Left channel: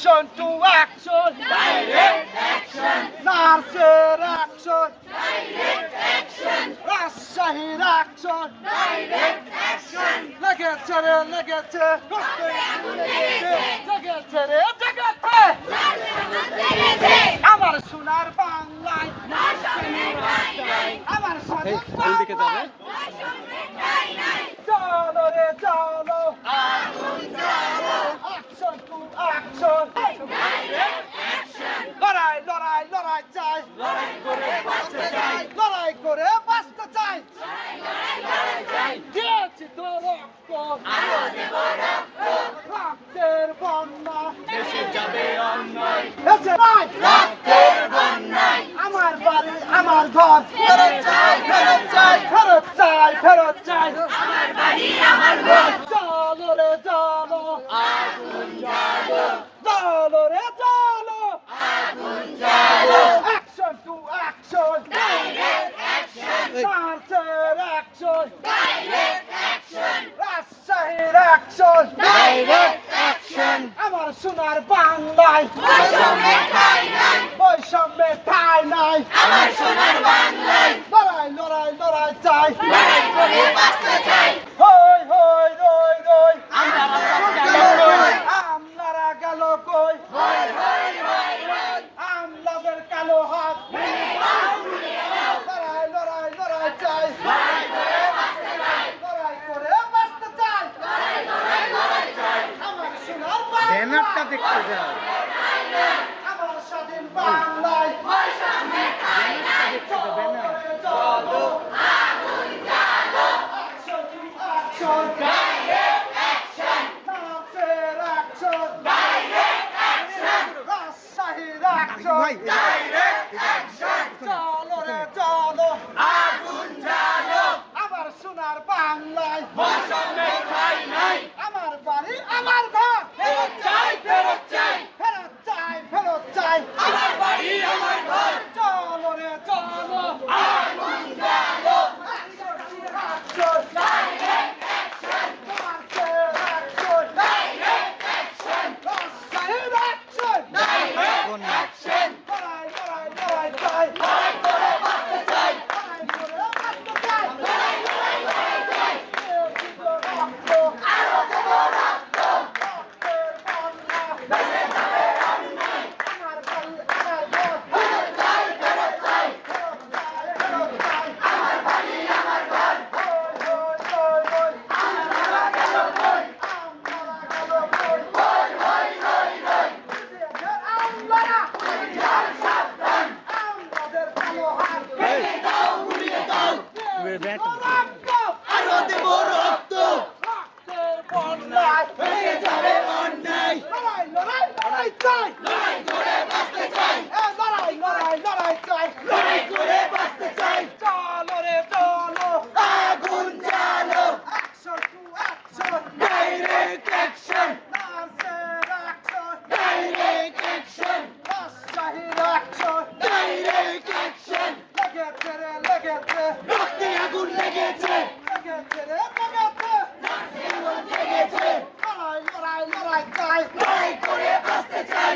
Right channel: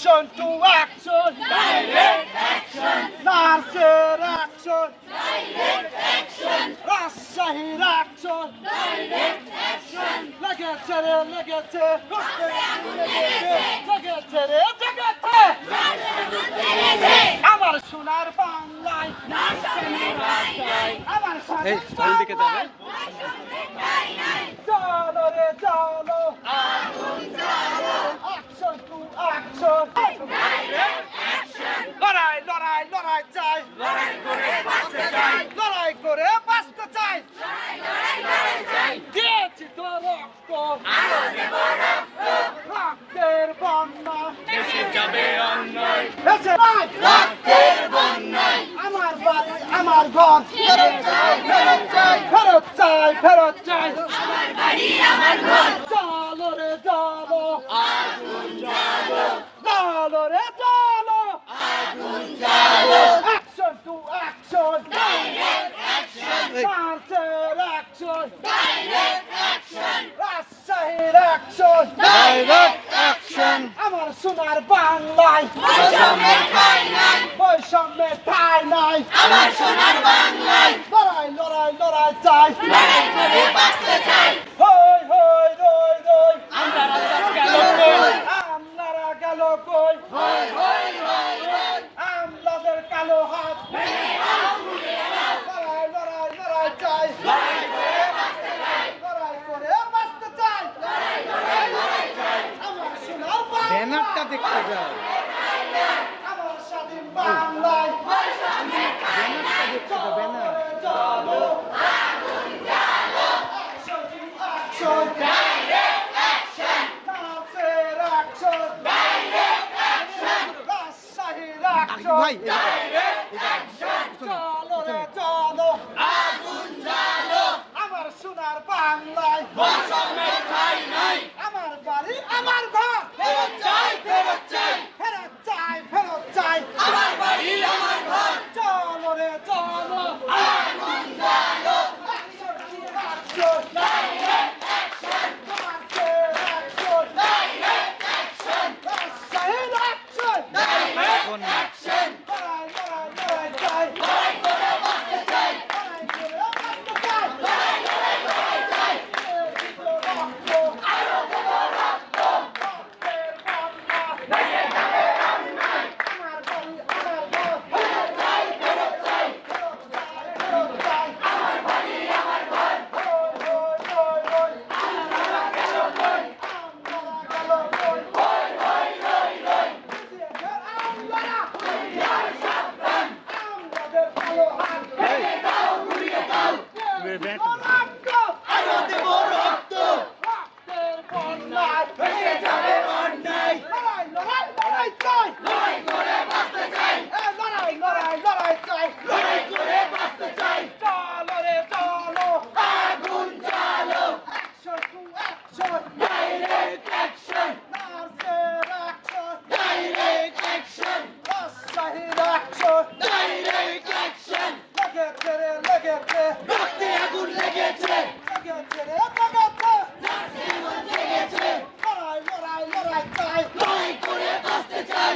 Action to action নার্সের action রাজশাহীর action লেগেছে রে লেগেছে লেগেছে রে লেগেছে আমার সোনার বাংলায় আমার সোনার যাবে। চলো রে চলো অ্যাকশন টু অ্যাকশন লড়াই লড়াই লড়াই চাই লড়াই করে বাঁচতে চাই লড়াই করে বাঁচতে চাই দিয়েছি তো রক্ত বন্যা দেশে যাবে অন্যায়। নাই রক্তের বন্যায়। আমার বাড়ি আমার ঘর। ফেরত চাই ফেরত চাই। ফেরত চাই ফেরত চাই। আমার বাড়ি আমার ঘর। চলো রে চলো আগুন জ্বালো। চলো রে চলো আগুন জ্বালো। Action to action direct action মার্চের অ্যাকশন ডাইরেক্ট অ্যাকশন রাজশাহীর অ্যাকশন ডাইরেক্ট অ্যাকশন আমার সোনার বাংলায়। বৈষম্যের ঠাই নাই বৈষম্যের ঠাই নাই। আমার সোনার বাংলায়। লড়াই লড়াই লড়াই চাই। লড়াই করে বাঁচতে চাই হই হই রই রই আপনারা গেল কই হই হই রই রই আমলাদের কালো হাত লড়াই লড়াই লড়াই চাই লড়াই করে বাঁচতে চাই লড়াই করে বাঁচতে চাই লড়াই লড়াই লড়াই চাই আমার সোনার ব্যানারটা দেখতে যাও ব্যানারটা দেখতে যাও ব্যানার ভাই চলো রে চলো আগুন জ্বালো আমার সোনার বাংলায় বৈষম্যের ঠাই নাই আমার বাড়ি আমার ঘর ফেরত চাই ফেরত চাই ফেরত চাই ফেরত চাই আমার বাড়ি আমার ঘর চলো রে চলো আগুন জ্বালো অ্যাকশন ডাইরেক্ট অ্যাকশন মার্চের অ্যাকশন ডাইরেক্ট অ্যাকশন রাজশাহীর অ্যাকশন ডাইরেক্ট বন্যা অ্যাকশন লড়াই লড়াই লড়াই চাই লড়াই করে বাঁচতে চাই লড়াই করে বাঁচতে চাই লড়াই লড়াই লড়াই চাই রক্ত আরও দেব রক্ত রক্তের বন্যা ভেসে যাবে অন্যায় আমার বাড়ি আমার ঘর ফেরত চাই ফেরত চাই ফেরত চাই ফেরত চাই আমার বাড়ি আমার ঘর হই হই হই হই আমরা গেল কই আমরা গেল কই হই হই রই রই আমরা সাবধান আমাদের কালো হাত ভেঙে দাও গুড়িয়ে দাও ব্যাট আরও দেব রক্ত! রক্তের যাবে অন্যায়! লড়াই লড়াই লড়াই চাই! লড়াই করে বাঁচতে চাই! লড়াই লড়াই লড়াই চাই! লড়াই করে বাঁচতে চাই চলো রে চলো আগুন জ্বালো action to action direct action নার্সের অ্যাকশন ডাইরেক্ট অ্যাকশন রাজশাহীর অ্যাকশন ডাইরেক্ট অ্যাকশন লেগেছে রে লেগেছে রক্তে আগুন লেগেছে লেগেছে রে লেগেছে লেগেছে লড়াই লড়াই লড়াই চাই লড়াই করে বাঁচতে চাই